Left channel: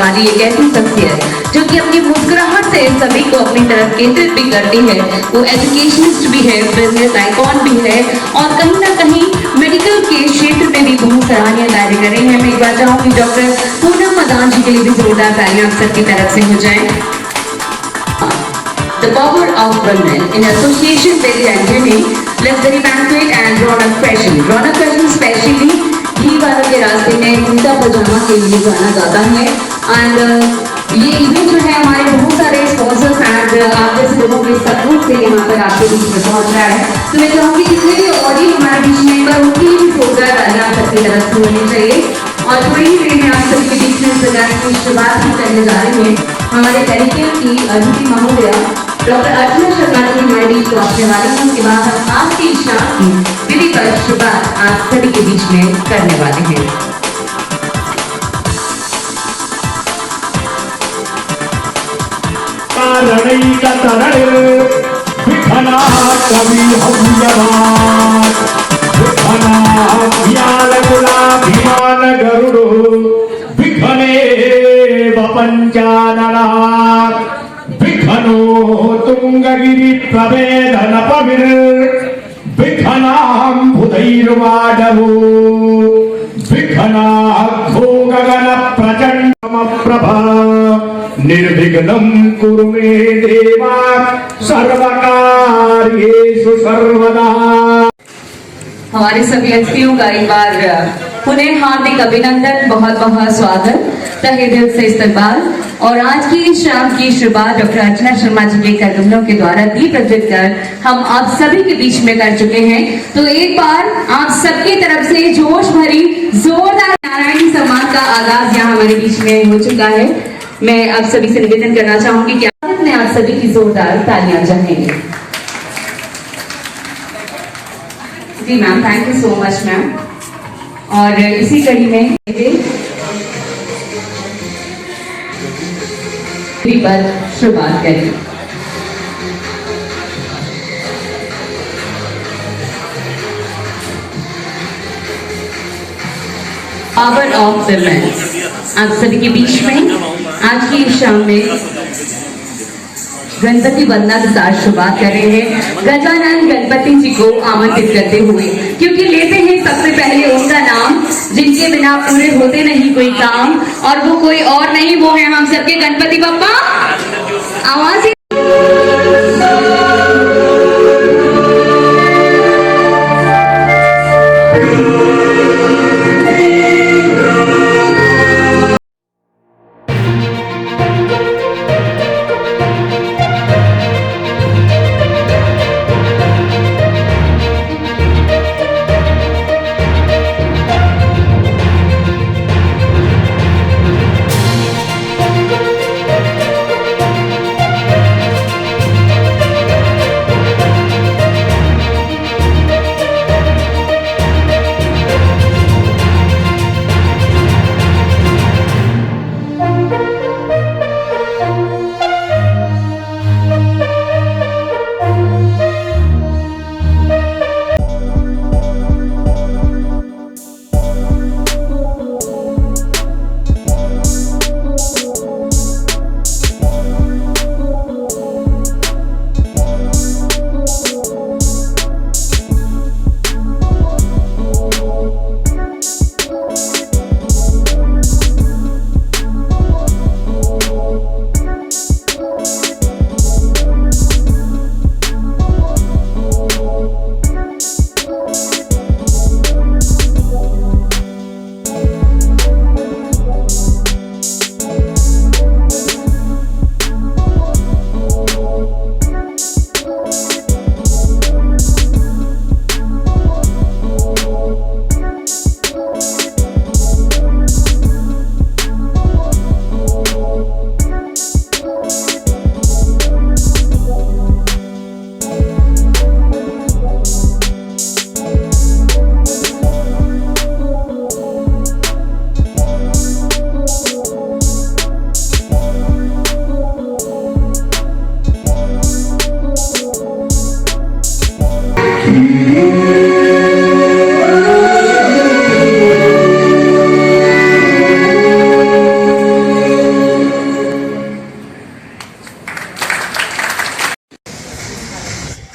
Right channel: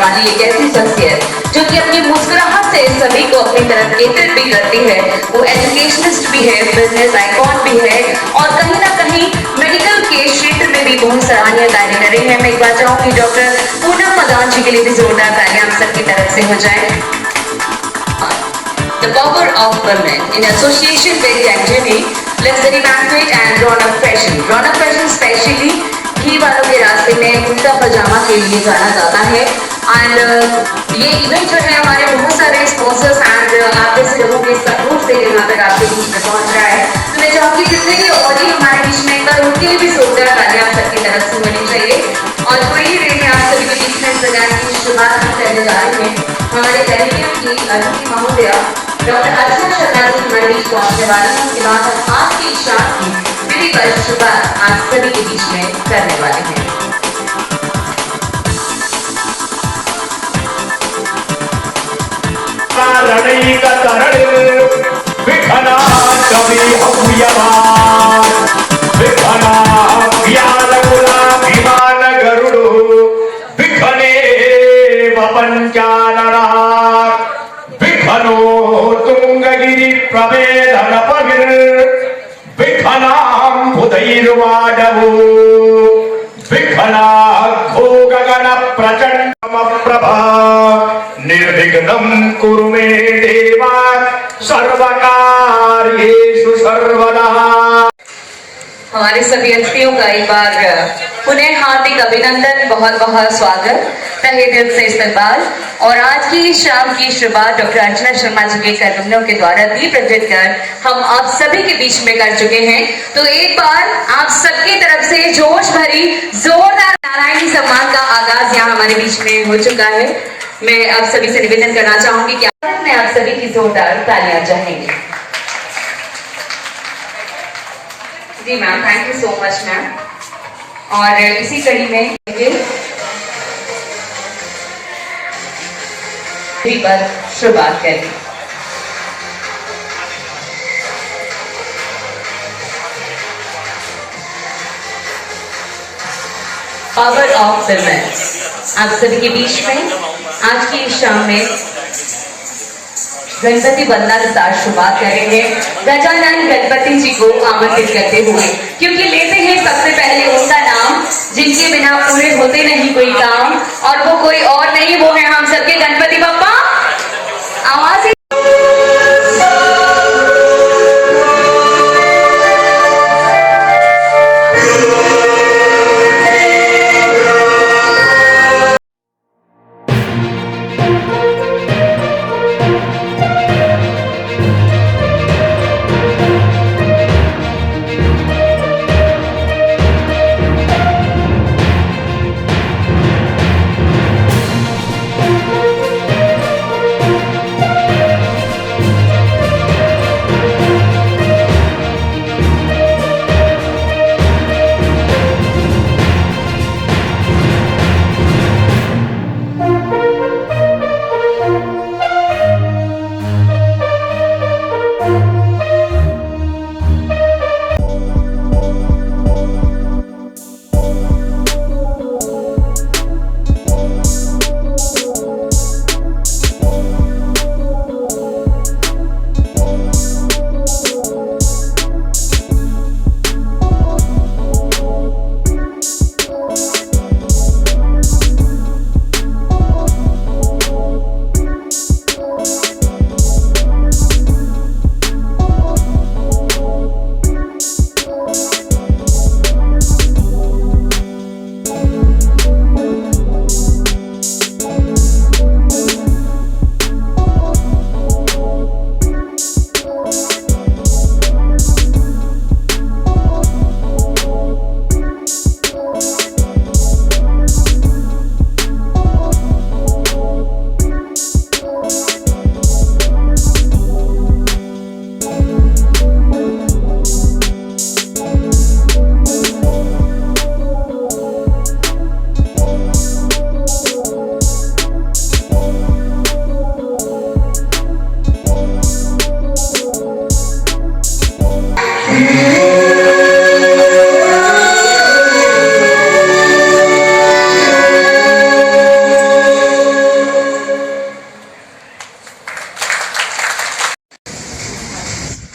वाली एक ऐसी शख्सियत जो कि अपनी मुस्कुराहट से सभी को अपनी तरफ केंद्रित भी करती है। वो एजुकेशनिस्ट भी है, बिजनेस आइकॉन भी है और कहीं ना कहीं मेडिकल के क्षेत्र में भी बहुत सराहनीय कार्य कर रही है। मैं एक बार चाहूंगी डॉक्टर पूनम मदान जी के लिए भी जोरदार तालियां आप सबकी तरफ से हो जाए। The power of women in association with Anjali, luxury banquet and Ronak fashion. Ronak fashion specially घी वालों के रास्ते में कुर्ता पजामा के लिए जाना जाता है। एंड ये इवेंट जो है हमारे बहुत सारे स्पॉन्सर्स एंड आप जैसे लोगों के सपोर्ट से यहाँ तक आपके बीच में पहुँच रहा है। तो मैं चाहूँगी जितने भी ऑडियंस हमारे बीच में पर उनके लिए भी जोरदार तालियां आप सबकी तरफ से होनी चाहिए। और थोड़ी ही देर में आप सभी के बीच में प्रोग्राम की शुरुआत भी करने जा रहे हैं। हमारे कार्यक्रम की अतिथि महोदया डॉक्टर अर्चना शर्मा जी हमारे बीच पहुंचने वाली हैं। उसके बाद हम आज की शाम की विधिवत शुरुआत आप सभी के बीच में करने वाले हैं। तुंगगिरी प्रवेदन पविर विघ्नां बुधैर्वाडवो विघ्नाद्धो गगन प्रचंडम प्रभा निर्विघ्नं कुरु मे देवा सर्वकार्येषु सर्वदा। हमारे सभी अतिथियों का एक बार पुनः हार्दिक अभिनंदन, बहुत बहुत स्वागत, तहे दिल से इस्तकबाल। और आज की शाम की शुरुआत डॉक्टर अर्चना शर्मा जी के कदमों के द्वारा दीप प्रज्वलित कर हम आप सभी के बीच में कर चुके हैं। तो एक बार आप सबकी तरफ से जोश भरी जोरदार नारायणी सम्मान का आगाज यहाँ हमारे बीच में हो चुका है। मैं आप सभी से निवेदन करना चाहूंगी कि आप सभी की जोरदार तालियां चाहेंगे। जी ma'am, thank you so much ma'am. और इसी कड़ी में पर शुरुआत करें। पावर ऑफ विमेन आप सभी के बीच में आज की शाम में गणपति वंदना के साथ शुरुआत करेंगे। गजानन गणपति जी को आमंत्रित करते हुए, क्योंकि लेते हैं सबसे पहले उनका नाम जिनके बिना पूरे होते नहीं कोई काम, और वो कोई और नहीं, वो है हम सबके गणपति बप्पा। आवाज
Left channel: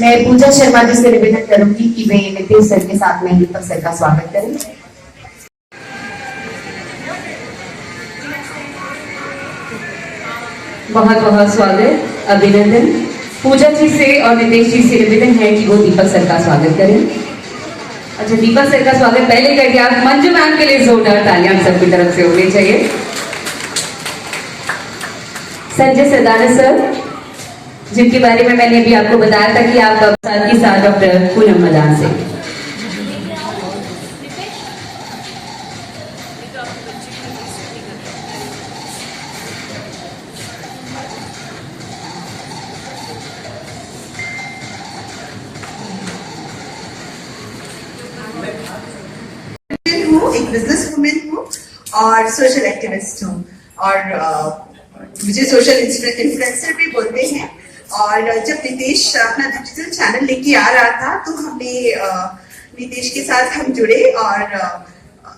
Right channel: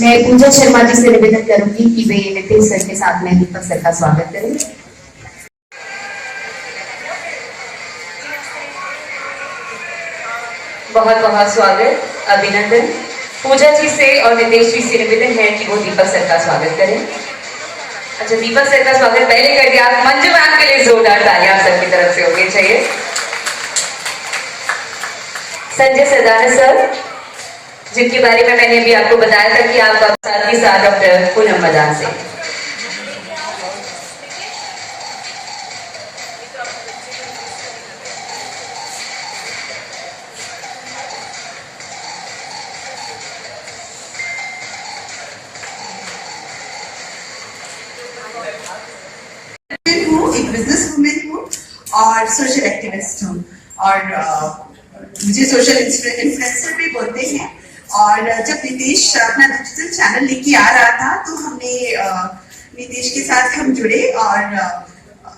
मैं पूजा शर्मा जी से निवेदन करूंगी कि वे नितेश सर के साथ में दीपक सर का स्वागत करें। बहुत बहुत स्वागत, अभिनंदन। पूजा जी से और नितेश जी से निवेदन है कि वो दीपक सर का स्वागत करें। अच्छा, दीपक सर का स्वागत पहले कर दिया। आप मंजू मैम के लिए जोरदार तालियां आप सबकी तरफ से होनी चाहिए। संजय सदाना सर, जिनके बारे में मैंने अभी आपको बताया था कि आप साथ ही साथ डॉक्टर पूनम मदान से। हूँ, एक बिजनेस वुमेन हूँ और सोशल एक्टिविस्ट हूँ और मुझे सोशल इन्फ्लुएंसर भी बोलते हैं। और जब नितेश अपना डिजिटल चैनल लेके आ रहा था तो हमने नितेश के साथ हम जुड़े और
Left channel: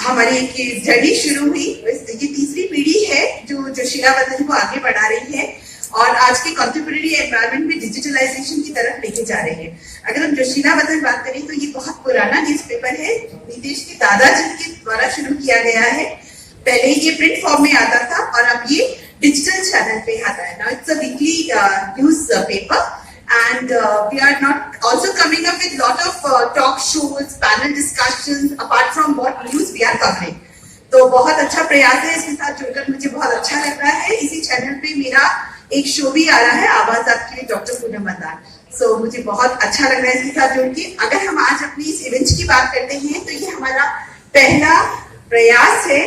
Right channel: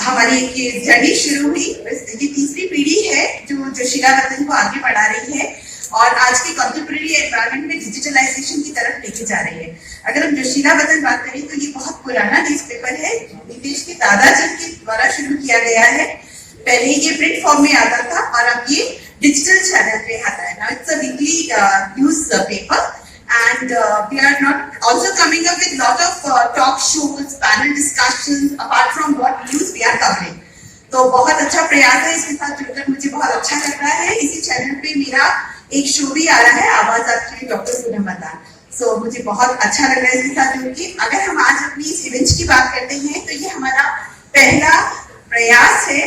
हमारी एक जर्नी शुरू हुई। ये तीसरी पीढ़ी है जो जोशीला वतन को आगे बढ़ा रही है और आज के कंटेम्परेरी एनवायरनमेंट में डिजिटलाइजेशन की तरफ लेके जा रही है। अगर हम जोशीला वतन बात करें तो ये बहुत पुराना न्यूज़पेपर है, नितेश के दादाजी के द्वारा शुरू किया गया है। पहले ये प्रिंट फॉर्म में आता था और अब ये डिजिटल चैनल पे आता है। Now it's a weekly news paper and we are not also coming up with lot of talk shows, panel discussions apart from what news we are covering. तो बहुत अच्छा प्रयास है, इसके साथ जुड़कर मुझे बहुत अच्छा लग रहा है। इसी चैनल पे मेरा एक शो भी आ रहा है, आवाज आपके लिए, डॉक्टर पूनम मदान। सो मुझे बहुत अच्छा लग रहा है इसके साथ जुड़ के। अगर हम आज अपनी इस इवेंट की बात करते हैं तो ये हमारा पहला प्रयास है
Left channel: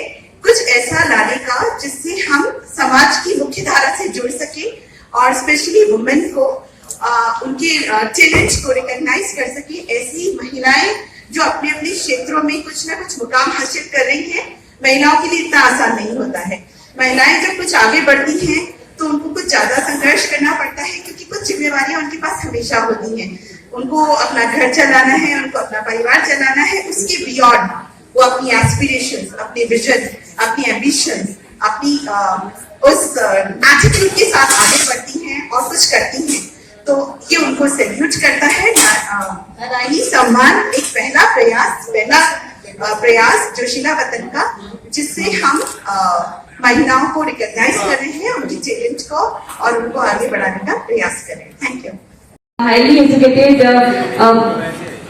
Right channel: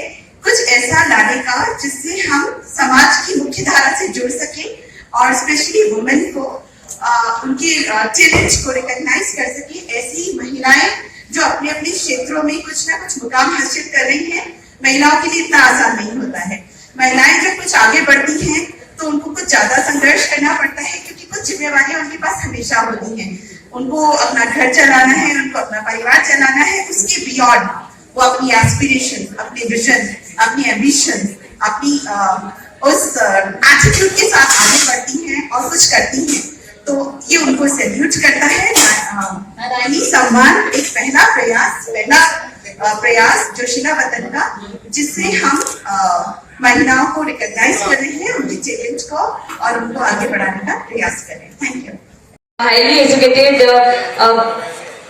कुछ ऐसा लाने का जिससे हम समाज की मुख्य धारा से जुड़ सके और स्पेशली वुमेन को उनके टैलेंट को रिकॉग्नाइज कर सके। ऐसी महिलाएं जो अपने अपने क्षेत्रों में कुछ ना कुछ मुकाम हासिल कर रही हैं, महिलाओं के लिए इतना आसान नहीं होता है। महिलाएं जब कुछ आगे बढ़ती हैं तो उनको कुछ ज्यादा संघर्ष करना पड़ता है क्योंकि कुछ जिम्मेवारियां उनके पास हमेशा होती हैं। उनको अपना घर चलाना है, उनको अपना परिवार चलाना है, उसके बियॉन्ड वो अपनी एस्पिरेशंस, अपने विजन, अपनी एम्बिशन, अपनी उस एटीट्यूड के साथ आगे बढ़ती हैं और कुछ करती हैं। तो ये उनको सैल्यूट करता है। नारायणी सम्मान एक पहला प्रयास जोशीला वतन का, जिससे हम महिलाओं को रिकॉग्नाइज कर रहे हैं, उनके टैलेंट को और उनको आगे बढ़ाने का प्रयास कर रहे हैं। Thank you. Highly educated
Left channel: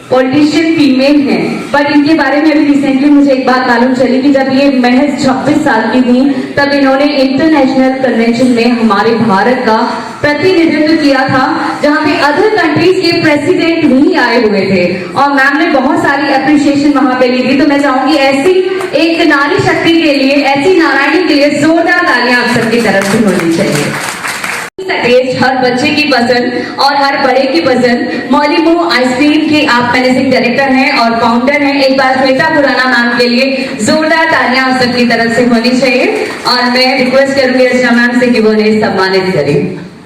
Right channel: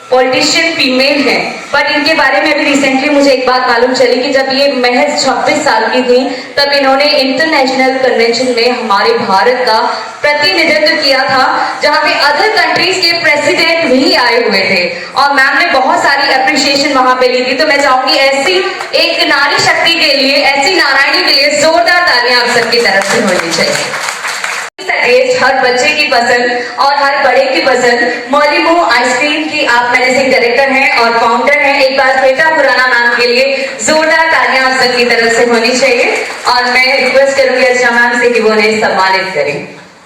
politician female हैं, पर इनके बारे में अभी रिसेंटली मुझे एक बात मालूम चली कि जब ये महज 26 साल की थी तब इन्होंने इंटरनेशनल कन्वेंशन में हमारे भारत का प्रतिनिधित्व किया था, जहां पे अदर कंट्रीज के प्रेसिडेंट भी आए हुए थे और मैम ने बहुत सारी अप्रिशिएशन वहां पे ली थी। तो मैं चाहूंगी ऐसी एक नारी शक्ति के लिए, ऐसी नारायणी के लिए जोरदार तालियां आप सबकी तरफ से होनी चाहिए। टेस्ट हर बच्चे की पसंद और हर बड़े की पसंद। मौलिमो आइसक्रीम के आप मैनेजिंग डायरेक्टर हैं और फाउंडर हैं। एक बार श्वेता खुराना मैम के लिए जोरदार तालियां आप सबकी तरफ से होनी चाहिए और मैं रिक्वेस्ट करूंगी अर्चना मैम से कि वो उन्हें सम्मानित करें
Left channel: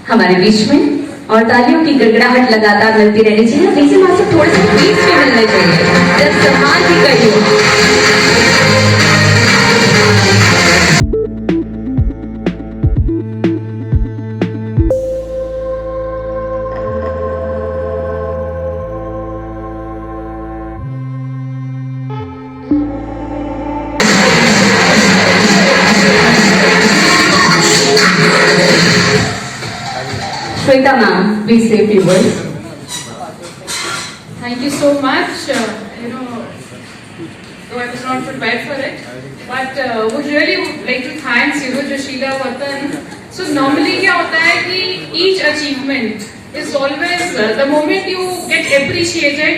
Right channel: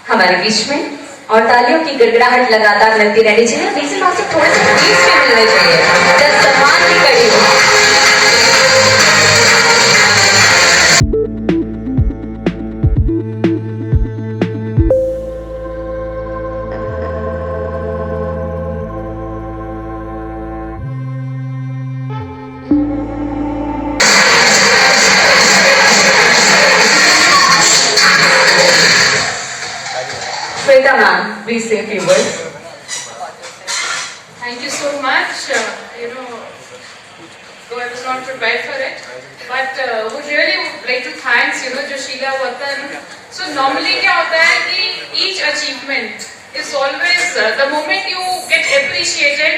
हमारे बीच में। और तालियों की गड़गड़ाहट लगातार मिलती रहनी चाहिए। डीसी माँ से थोड़े से बीच में मिलने चाहिए जब सम्मान की कड़ी हो। Shweta ma'am, please say a few words. Thank you so much. Though I was not prepared for it, but would really like to thank Joshila Vatan. So normally क्या होता है कि each achievement is always the moment you get appreciated,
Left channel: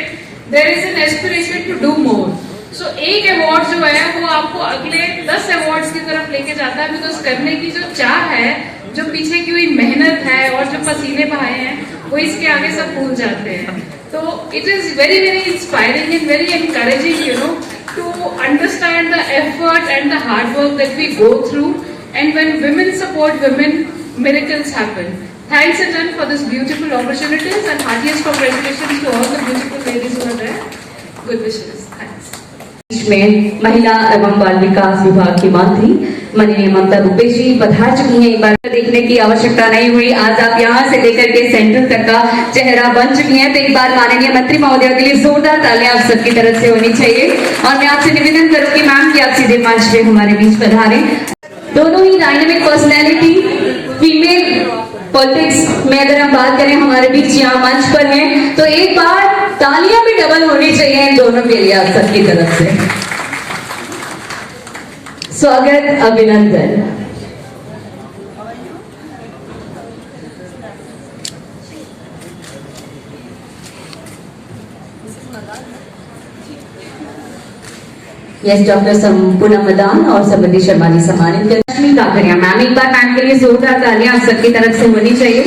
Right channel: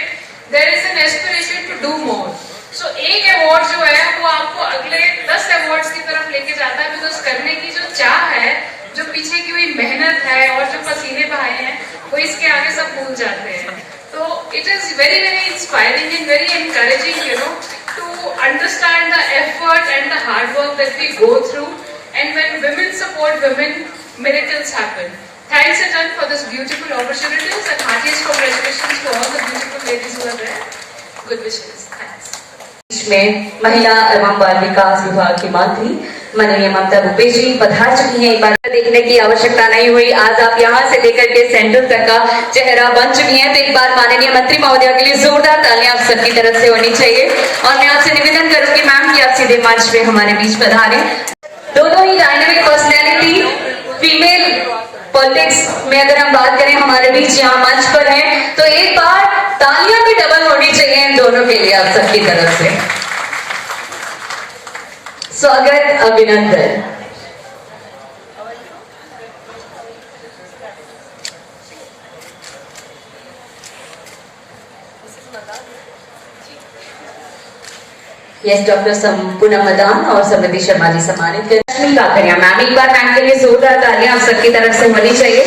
there is an aspiration to do more. So एक award जो है वो आपको अगले 10 awards की तरफ लेके जाता है, बिकॉज करने की जो चाह है, जो पीछे की हुई मेहनत है और जो पसीने बहाए हैं, वो इसके आगे सब भूल जाते हैं। तो it is very very inspiring and very encouraging to understand the effort and the hard work that we go through, and when women support women, miracles happen. Thanks again for this beautiful opportunities and heartiest congratulations to all the beautiful ladies who are there. Good wishes. Thanks. में महिला एवं बाल विकास विभाग की मंत्री माननीय ममता भूपेश जी पधार चुकी हैं। एक बार देखने की आवश्यकता नहीं हुई, आज आप यहाँ से लेकर के सेंटर तक का चेहरा बन चुकी हैं। तो एक बार माननीय मंत्री महोदया के लिए जोरदार तालियां आप सबकी तरफ से होनी चाहिए। और मैं आपसे निवेदन करूंगी मैम कि आप सीधे मंच पे हमारे बीच पधारें। दोनों ही डायनेमिक पर्सनैलिटी फीमेल पॉलिटिक्स में अगर हम बात करें हमारे बीच यहाँ मंच पर हैं, तो एक बार तालियां भी डबल होनी चाहिए इन दोनों के लिए आप सबकी तरफ से। स्वागत, अभिनंदन। यस, डॉक्टर संपूर्ण मदान और समृद्धि शर्मा जी सम्मानित कर रश्मि काकरिया मैम, एक बार मैम के लिए जोरदार तालियां आप सबकी तरफ से होनी चाहिए।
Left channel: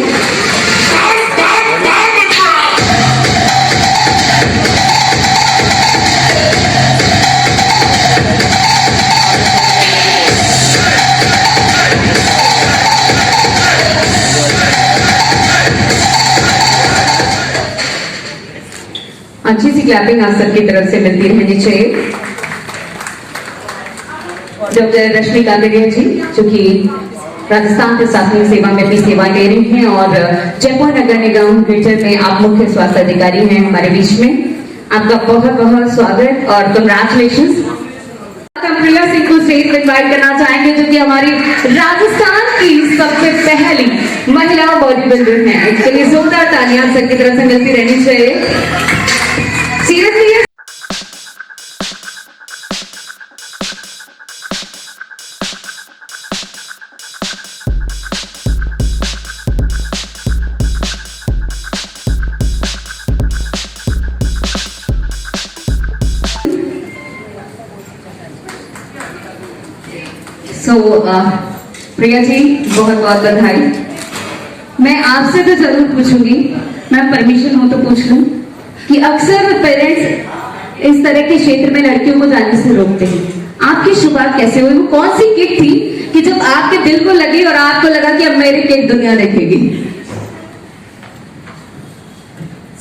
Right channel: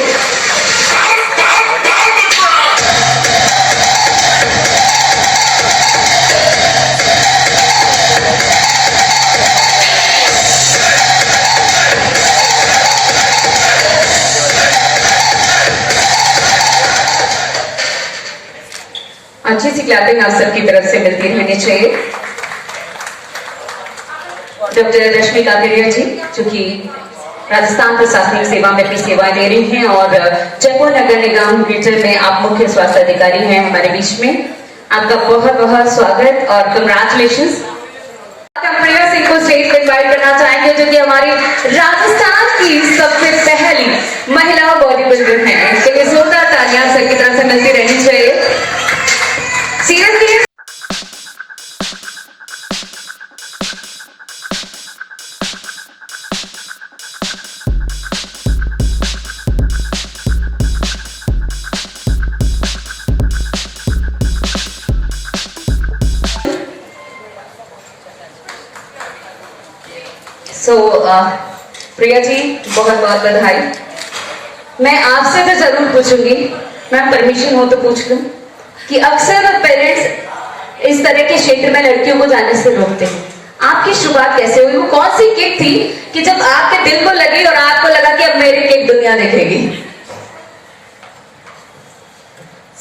अच्छी सी क्लैपिंग आप सबकी तरफ से मिलती रहनी चाहिए। डॉक्टर रश्मि काकरिया जी जो कि राजस्थान प्रशासनिक सेवा में अपनी सेवाएं दे रही हैं और जयपुर नगर निगम ग्रेटर में आप मुख्य स्वास्थ्य अधिकारी हैं हमारे बीच में। आपका बहुत बहुत स्वागत और कंग्रेचुलेशंस। हम प्रिया सिंह को स्टेज पर इनवाइट करना चाहेंगे जो कि हमारी राजस्थान की सबसे पहली महिला बॉडी बिल्डर हैं। इसके लिए जोरदार तालियां सबकी तरफ से मिलती रहनी चाहिए। सीरियसली प्रिया जी बहुत बहुत बधाई। मैं आपसे तो जरूर पूछूंगी, मैम परमिशन हो तो पूछ लूं कि अक्सर पेरेंट्स इस तरह के क्षेत्र में लड़कियों को जाने से रोकते हैं। आपकी शुरुआत कैसे हुई? वो कौन सी किक थी कि जब आपके दिल को लगी और आपको लगा कि अब मेरी किक दुनिया देखेगी?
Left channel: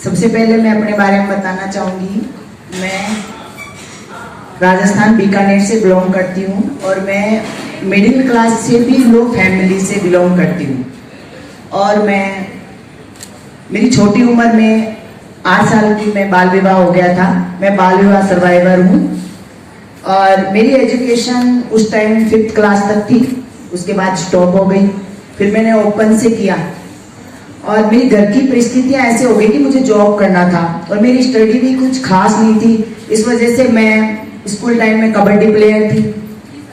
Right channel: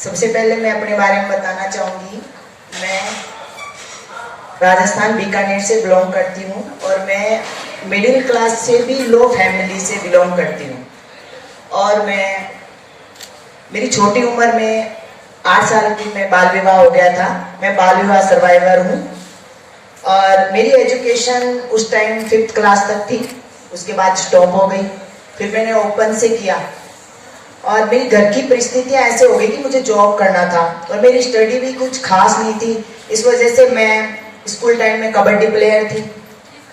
सबसे पहले मैं अपने बारे में बताना चाहूंगी। मैं राजस्थान बीकानेर से बिलोंग करती हूँ और मैं मिडिल क्लास से भी लो फैमिली से बिलोंग करती हूँ। और मेरी छोटी उम्र में 8 साल की मैं बाल विवाह हो गया था। मैं बाल विवाह सर्वाइवर हूँ और मेरी एजुकेशन उस टाइम 5th क्लास तक थी, उसके बाद स्टॉप हो गई। फिर मैंने ओपन से किया और मेरी घर की परिस्थितियां ऐसे हो गई कि मुझे जॉब करना था और मेरी स्टडी भी कुछ खास नहीं थी। इस वजह से मैं स्कूल टाइम में कबड्डी प्लेयर थी।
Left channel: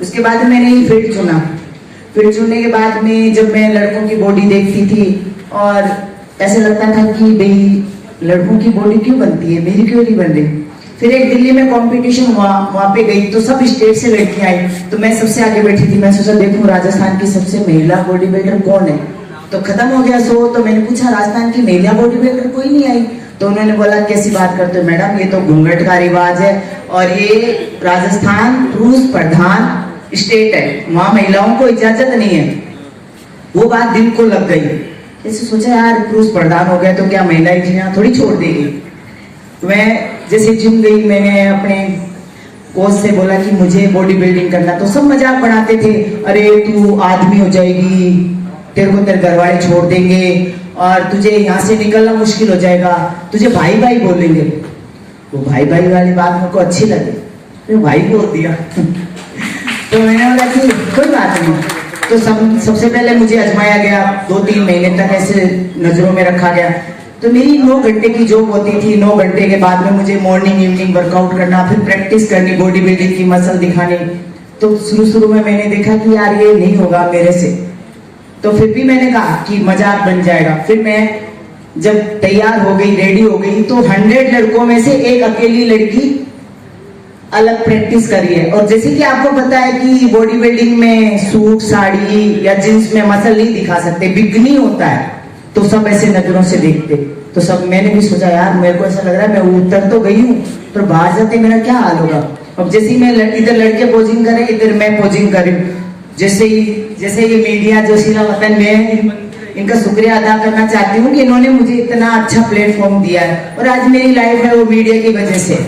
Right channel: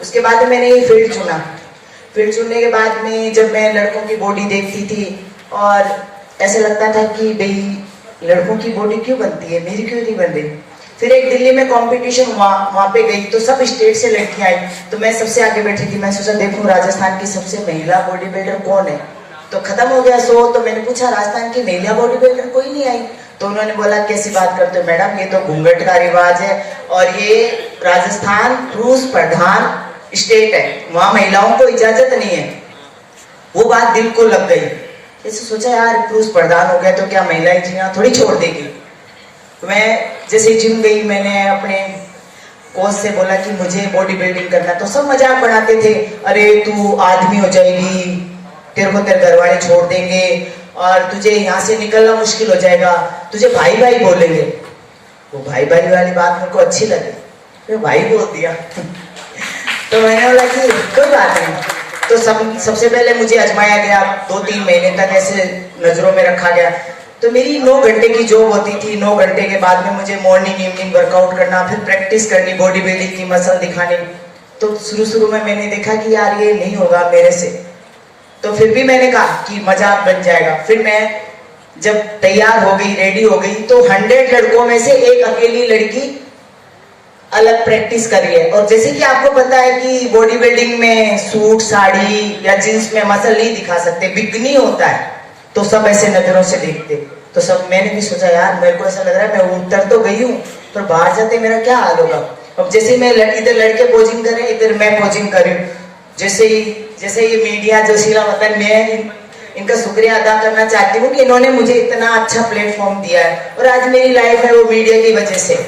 उसके बाद मैंने ये फील्ड चुना। फील्ड चुनने के बाद में जब मैं लड़कों की बॉडी देखती थी और ऐसा लगता था कि भाई लड़कों की बॉडी क्यों बनती है, मेरी क्यों नहीं बन रही। फिर एक दिल्ली में कंपटीशन हुआ, वहां पे गई तो सब स्टेट से लड़कियां आई, तो मैं सबसे आगे बैठी थी। मैं सोचा देखूं राजस्थान की सबसे महिला बॉडी बिल्डर कौन है। तो खत्म हो गया शो। तो मैंने पूछा राजस्थान की महिला बॉडी बिल्डर कोई नहीं आई। तो उन्होंने बोला कैसी बात करते हो मैडम, ये तो घूंघट का रिवाज है और ये राजस्थान पुरुष प्रधान स्टेट है, वहां महिलाओं को इजाजत नहीं है। वो बात दिल को लग गई। ऐसे सोचा यार पुरुष प्रधान हो गया तो क्या महिलाएं जीना थोड़ी छोड़ देगी। तो मैं जैसे जिम गई, मैंने अपने कोच से बोला कि मुझे बॉडी बिल्डिंग करना। तो सब मजाक बनाते थे, अरे तू आदमी हो जाएगी, तेरे को तेरे घर वाले छोड़ देंगे और तुझे यहाँ से निकलना मुश्किल हो जाएगा, तुझे भाई भाई बोलेंगे। वो भाई भाई वाली बात मेरे को अच्छी लगी, तो भाई बोल दिया। तो मैंने बोला कि कोई बात नहीं। तो सबसे पहले मुझे आजमाया गया, 2-3 महीने तक ऐसे नजरों में रखा गया। तो मेरी 9 घंटे की जॉब होती थी। 9 घंटे के बाद में मुझे मॉर्निंग इवनिंग वर्कआउट करना, फिर प्रैक्टिस करनी, बॉडी बिल्डिंग की मसल दिखानी। तो शुरू में मैंने देखा कि यार ये नहीं होगा मेरे से। तो फिर भी मैंने कहा कि मजाक बन जाएगा। फिर मैं जब तैयार हो गई, रेडी हो गई, तो 100 लड़कों में से एक अकेली लड़की अलग प्रैक्टिस करी है। और जैसे कि आपको पता है कि बॉडी बिल्डिंग में सूट साड़ी या जींस में मसल नहीं दिखा सकते, बिगनी होता है, तो सब ऐसे नजरों से देखते। तो सब मैंने भी सोचा यार मेरे को ऐसा लग रहा है मैं उतर तो गई हूँ, पर बाहर जाते मेरा क्या हाल होगा। अब जैसे मैं इधर लड़के पोजिंग करें, इधर मैं पोजिंग करूं, जैसे ये मीडिया जोशीला वतन, मैं इनका शुक्रिया अदा करना चाहती हूँ कि इन्होंने मुझे इतना अच्छा प्लेटफॉर्म दिया है और आज मेरी लाइफ है वो मीडिया की वजह से।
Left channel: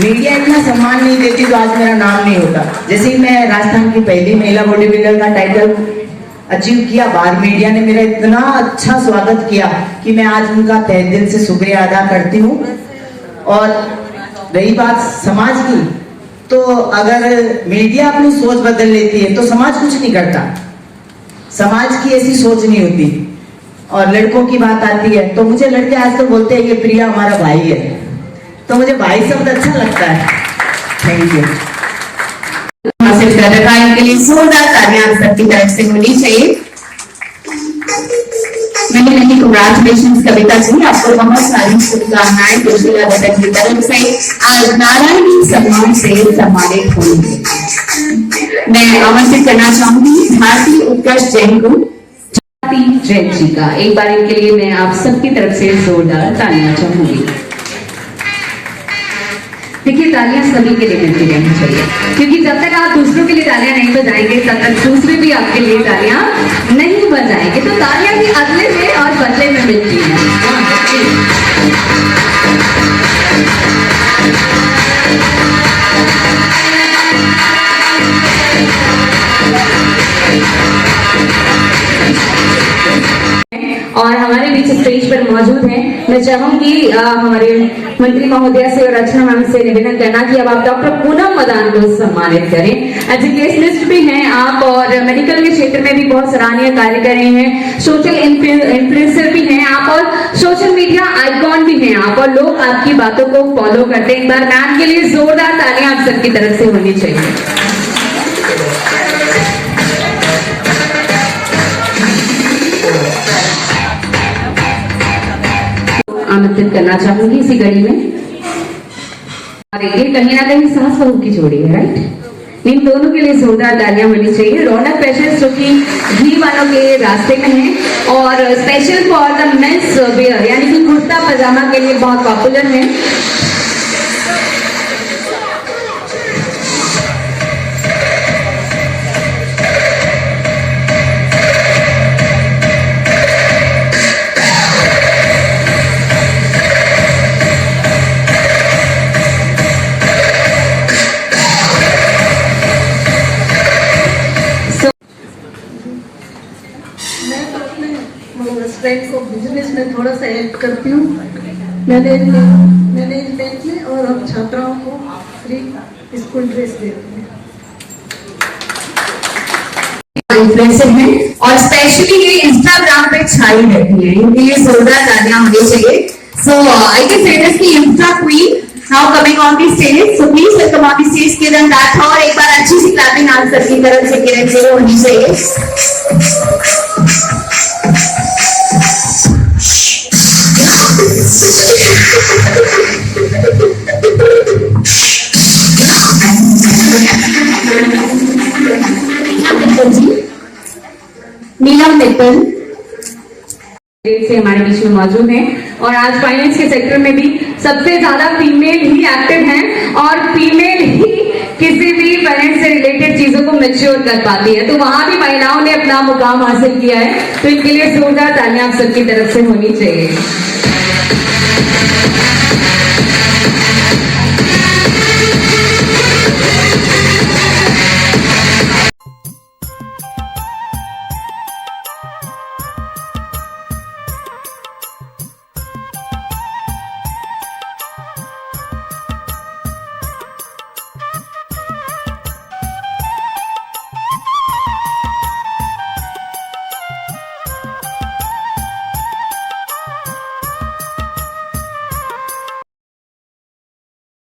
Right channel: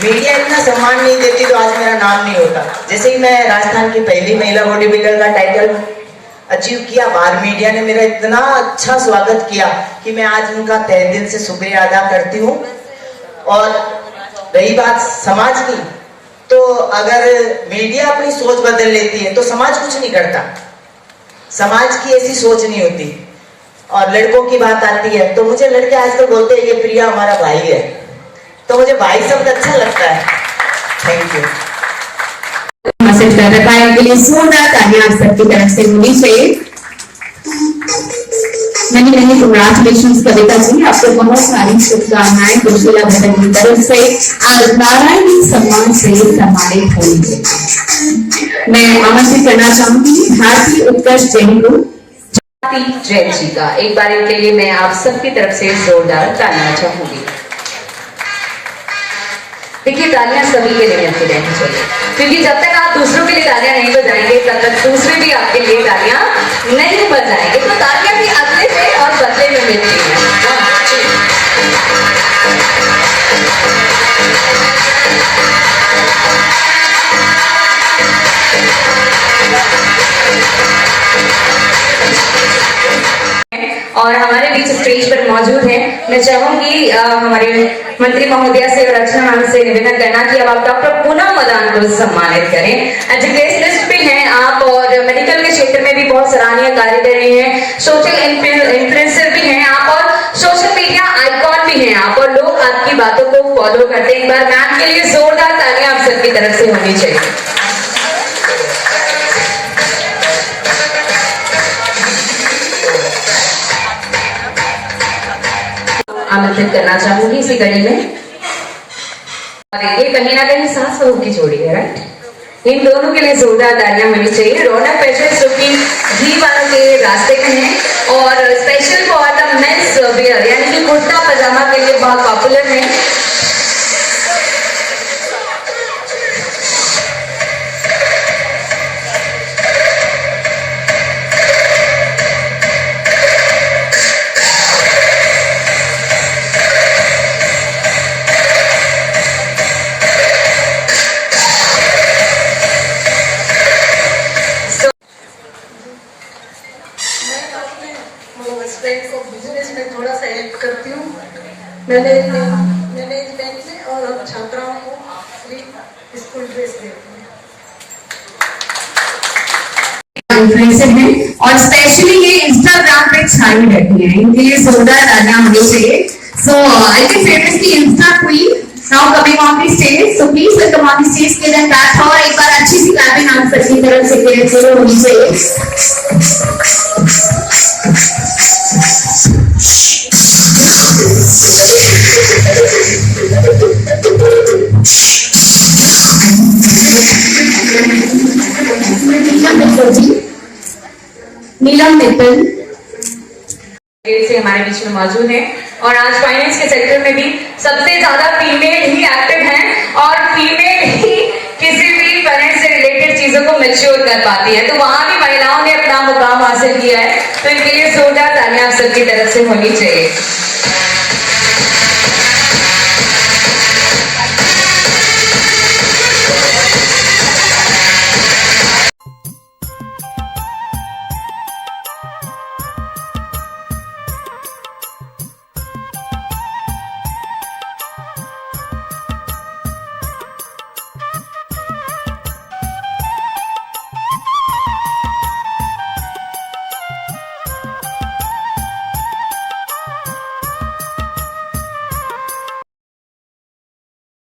मीडिया इतना सम्मान नहीं देती तो आज मेरा नाम नहीं होता। जैसे ही मैं राजस्थान की पहली महिला बॉडी बिल्डर का टाइटल अचीव किया, बाहर मीडिया ने मेरा इतना अच्छा स्वागत किया कि मैं आज उनका तहे दिल से शुक्रिया अदा करती हूँ। और रही बात समाज की, तो अगर मीडिया अपनी सोच बदल लेती है तो समाज कुछ नहीं करता। समाज की ऐसी सोच नहीं होती। और लड़कों की बात आती है तो मुझे लड़के आजकल बोलते हैं ये प्रिया हमारा भाई है, तो मुझे भाई शब्द अच्छा लगता है। Thank you. मैसेज कर रखा है, इनके लिए जोरदार तालियां आप सबकी तरफ से होनी चाहिए। Many many congratulations Kavita ji, आपको बहुत सारी शुभकामनाएं जोशीला भट्ट की तरफ से आज नारायणी सम्मान से सम्मानित होंगे। मैं आमंत्रित करना चाहूंगी भारतीय उत्कर्ष जैन को, जैन जी का। एक बार इनके लिए मैं आप सबकी तरफ से जोरदार तालियां चाहूंगी। देखिए तालियां सभी के लिए मिलती रहनी चाहिए, क्योंकि जब तक आप दूसरों के लिए तालियां नहीं बजाएंगे तब तक दूसरे भी आपके लिए तालियां नहीं बजाएंगे। तो तालियां भी अगले में और बदले में मिलती हैं। और हमारे बीच स्टेज पर मौजूद है, मैं चाहूंगी हमारे मंत्री महोदया से और रचना मैम से निवेदन करना कि अब आप डॉक्टर पूनम मदान को सम्मानित करें। एजुकेशनिस्ट भी हैं आप और मेडिकल के क्षेत्र में भी बहुत सराहनीय कार्य कर रहे हैं। सोशल इन्फ्लुएंसर भी हैं आप और सोशल मीडिया आइकॉन भी हैं आप, और लोग आपकी बातों को फॉलो करते हैं। एक बार मैम के लिए जोरदार तालियां आप सबकी तरफ से होनी चाहिए। आमंत्रित करना चाहूंगी इसी कड़ी में। ये कहीं ना कहीं सास बहू की जोड़ी है, राइट? इन दोनों के लिए जोरदार तालियां होनी चाहिए। रौनक फैशन जो कि घी वालों के रास्ते में है और special for the men's wear यानी कि कुर्ता पजामा के लिए बहुत पॉपुलर है। स्ट्रेंथ को बिजनेस में थोड़ा सा हेल्प करती हूँ मैनेजमेंट में, और हम छात्राओं को फ्री स्कूल ड्रेस देती हूँ। इन्फ्लुएंसर हैं और स्पेशली ये इंस्टाग्राम पे छाई रहती है, इनके लिए जोरदार तालियां होनी चाहिए। So I can famous the insta queen now coming on the stage, so please welcome on the stage Kiran Rathore. और एक बार अच्छी सी क्लैपिंग आप सबकी तरफ से किरण शुरू होनी चाहिए। नीलम मित्तल से हमारे बीच में मौजूद हैं और आज फाइनेंस के सेक्टर में भी सबसे ज्यादा फीमेल ही एक्टिव हैं और फीमेल ही किसी भी फाइनेंस से रिलेटेड चीजों को मैच्योर कर पाती है। तो वहां भी महिलाओं ने अपना मुकाम हासिल किया है, तो इनके लिए जोरदार तालियां आप सबकी तरफ से होनी चाहिए।